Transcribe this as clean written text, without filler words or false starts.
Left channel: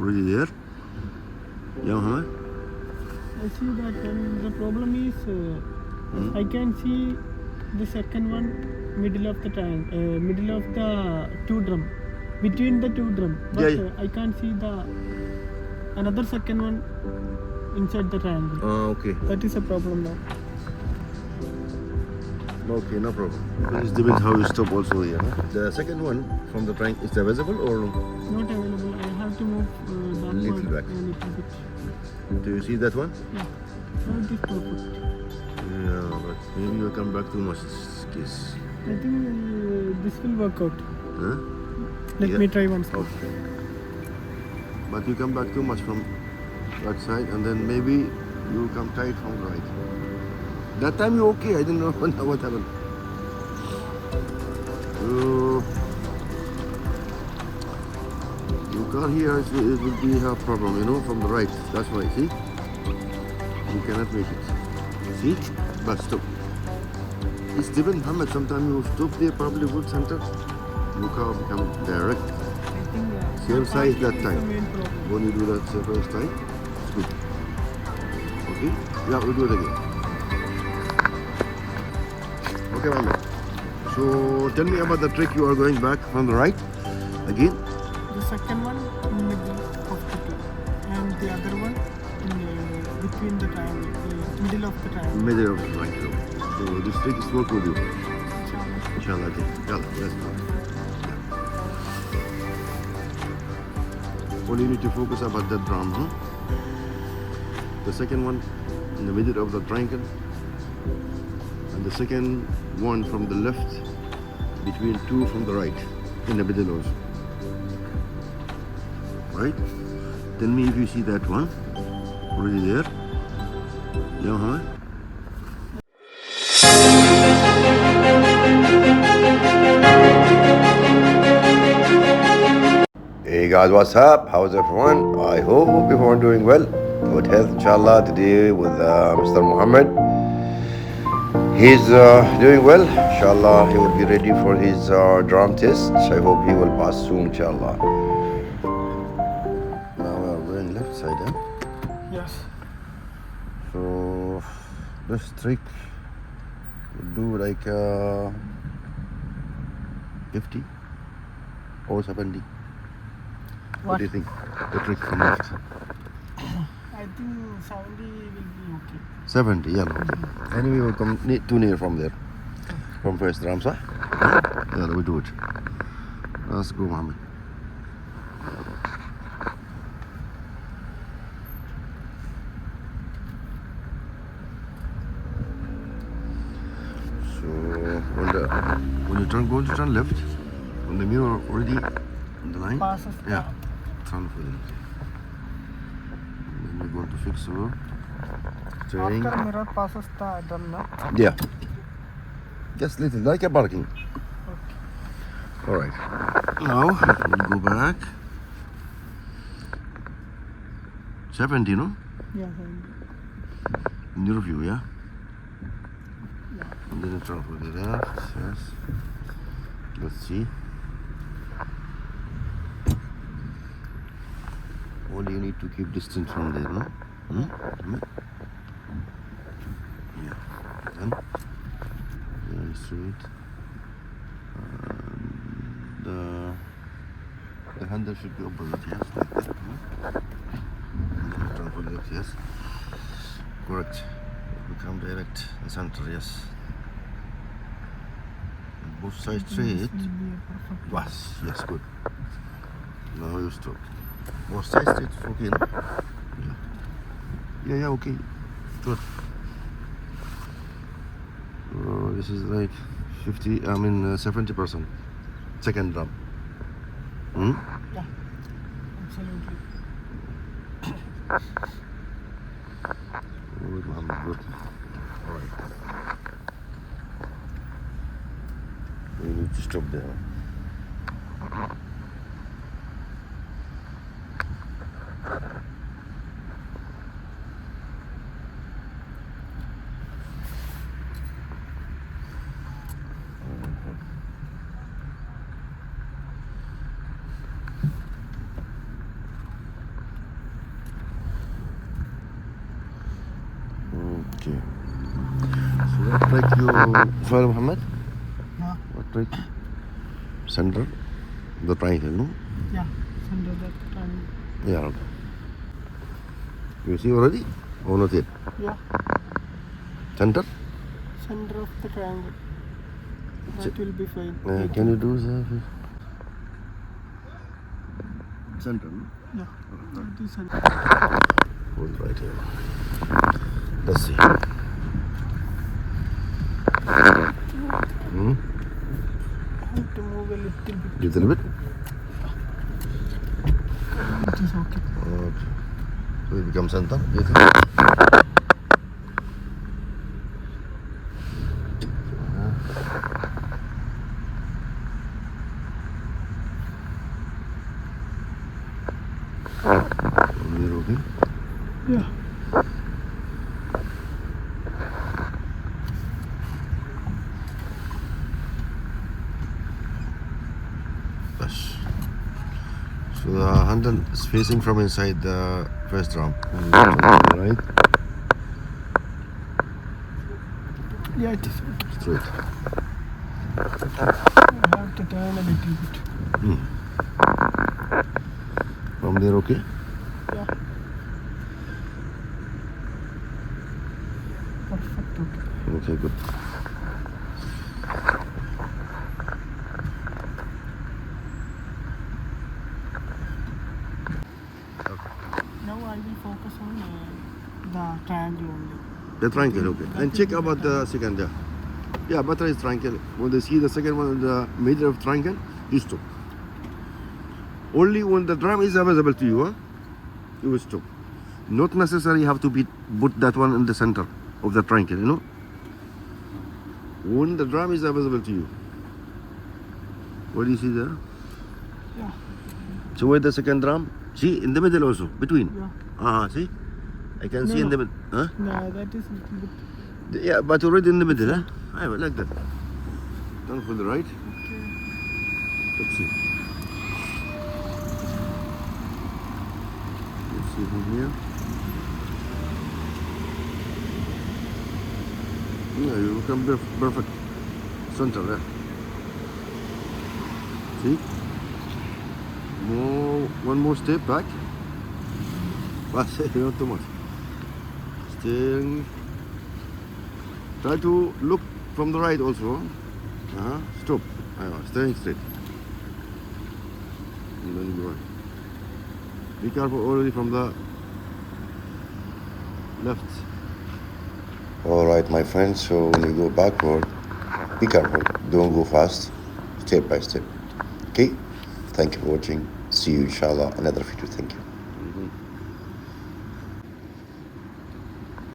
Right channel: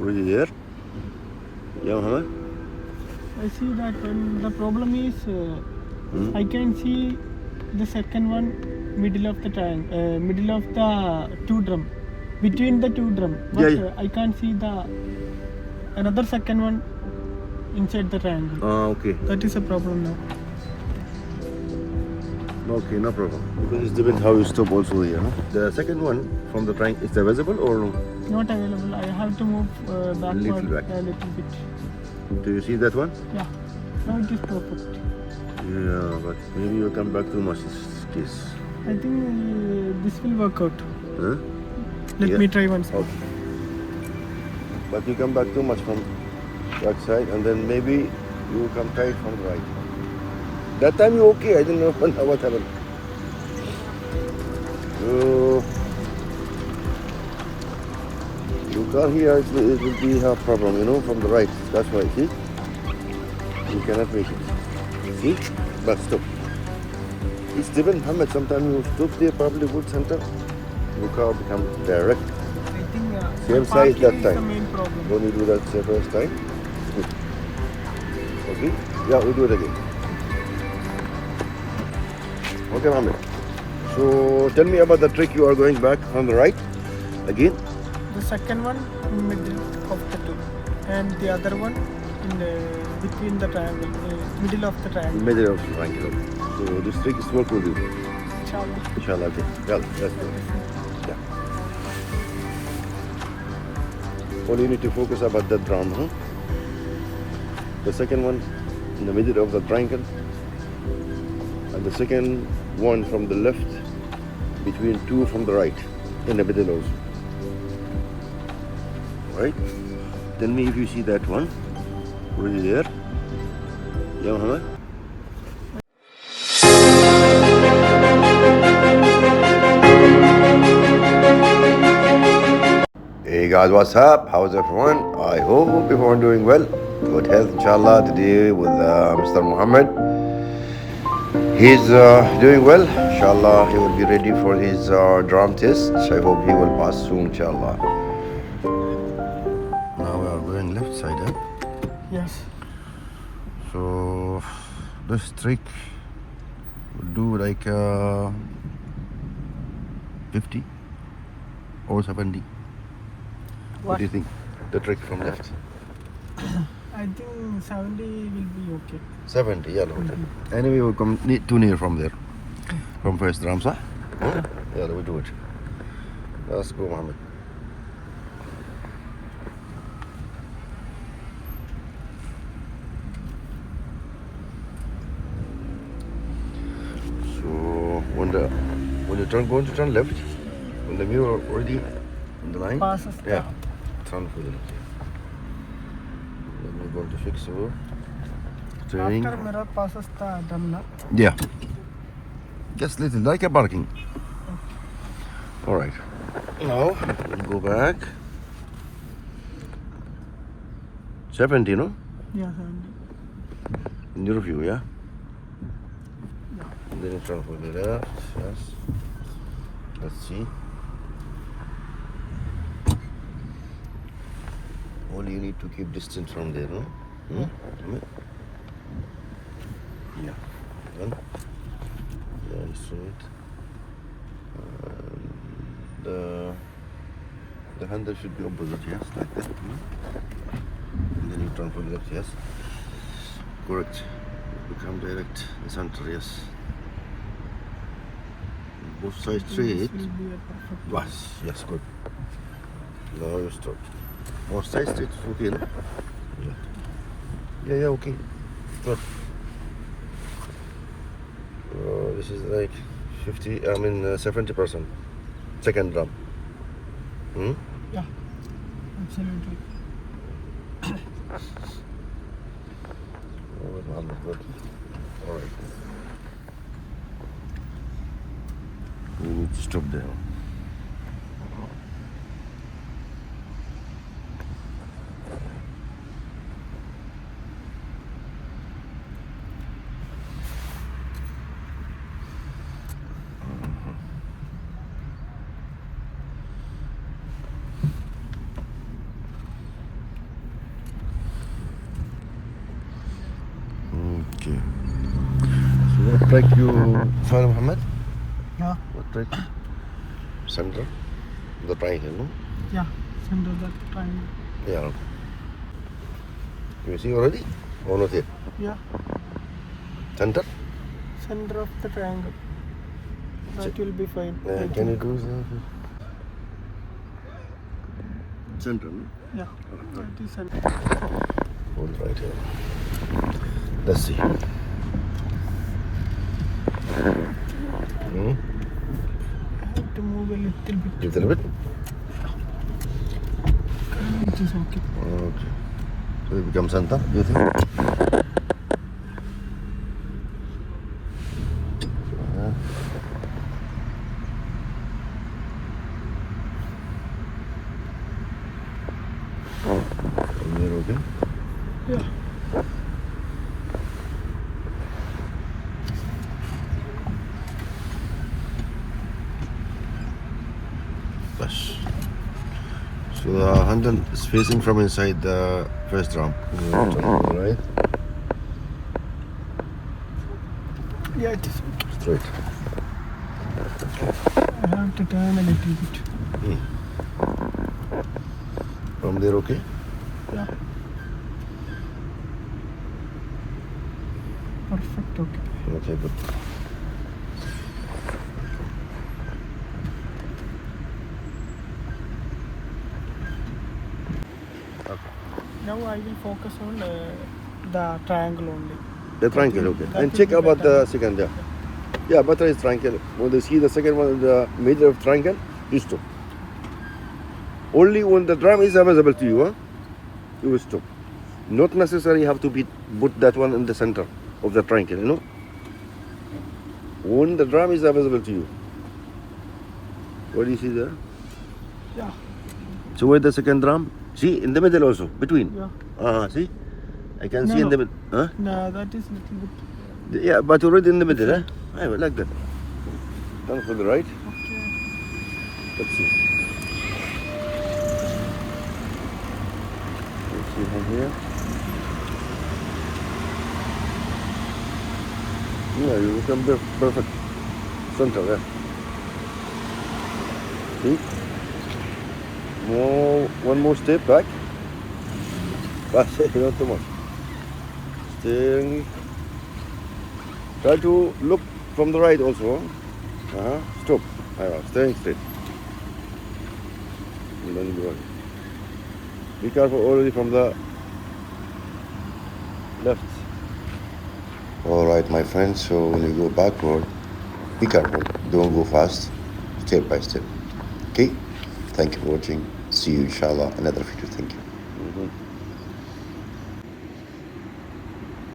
Already there? Yeah, Muhammad? I see that the problem is I can see the second one middle of the triangle, middle of the two drum, between the two drum. But Yeah. I can't see the another second one inside the triangle. Okay. That is a problem now. Okay, no problem. Because it depends how you stop also here. The second one from the tank, is it visible or no? Not available. I have to move backward Little back. a little bit. Do you see that one? Yeah. Now it is perfect. Yeah, but maybe you come back too much this case. I think this will work out. Huh? Let Yeah. me try once more. Okay. But you come back too much from that side and then maybe you come tight from the right. That time you okay, I didn't know what happened. So, your car here it will be a problem, you know, from the right. That's why, see? You cannot make it. See? But stop. It's different, Muhammad. Sometimes you stop there, probably good center. Your car become direct. I think Same size that is time. the main problem. When you do that first time, good. Okay? Yeah, we'll do it again. Okay, Mohammed. So tell me about the trick you are going back from the right again. The second one in the middle of the two, and the other one in the, between the triangle, middle of the triangle. Middle of the triangle. So this trick is work with you. Inshallah. Inshallah. Okay. Yeah, let's go. Yeah. All you need to focus about that drum, huh? The second one in the middle of the triangle, and the second one from the left between two from the right in the middle also. Right? Tell me if you see that one already there. Yeah, Muhammad? Hey guys, what's up? How's everyone? I hope everyone doing well. Good health, inshallah. Today with Mr. Muhammad. He's doing well, inshallah. He will be ready for his drum test. I hope he will pass soon, inshallah. Now we're going left side, Yes. So this trick do like 50 or 70. What do you think? The trick from left. I think 70 will be okay. 70, yeah, okay. Anyway, we come too near from there. From first drums, huh? Yeah, we do it. Let's go, Mohammed. So when you turn, going to turn left, when the mirror already on the line, Passes. yeah, turn for the left. Then we're going to fix over. Turning. After mirror passes the drum now. Yeah. Just little, like a barking. All right. Now we'll go back. 70, no? Yeah. In your view, yeah. And then you turn for the left. Yes. Let's see. All you need to keep distance from there, no? Yeah. Then. Yeah, straight. The handle should be opposite, yes, like that. And then you turn for the left, yes. Correct. Become direct in center, yes. Both sides straight. This will be a perfect. Yes, good. Now you stop. Both sides straight, okay, no? Yeah, okay. Good. So this is like 70%. Second drum. Yeah. Absolutely. Good. All right. We need to stop there. Like you follow Muhammad? Yeah. Right. Center. The triangle, no? Yeah. Center that triangle. Yeah. You see already? Or not yet? Yeah. Center? Center of the triangle. That will be fine. I Can you think. do the center? No? Yeah. That is center. Hold right here. Let's see. Hmm? I have to move a little bit. Little bit? It is okay. Okay. So it becomes center, do you think? From here, okay? Yeah. Plus. So the handle is facing from inside the first drum. Right? Yeah, it is okay. Straight. I have to turn a little bit. From there, okay? Yeah. Perfect. Okay. Okay, good. Now I will focus on the triangle only. The triangle, okay. that And will check be about better. the second, yeah. Yeah, better is triangle. When they see the second one in the middle of triangle, you stop. Only when the drum is available to you, you will stop. Not necessarily have to be put that one in the center of the triangle, you know. When the drum is available to you. What do you see there? Yeah. So where the second drum? See, in the middle also, between. Yeah. See? I can No, see in no. the middle. Huh? No, that is little bit. Yeah, but already in the middle, huh? I like that. Turn for the right. Okay. Let's see. Let's see from here. Yeah, you become perfect center there. See? One more step back. But not too much. Steering. Try to look from the right also. Stop. Staying straight. And then go ahead. Be careful already from the left. Alright, my friends, so when you go backward, be careful. Don't go fast. Step by step. Okay? Thank you for watching. See you inshallah another video. Thank you.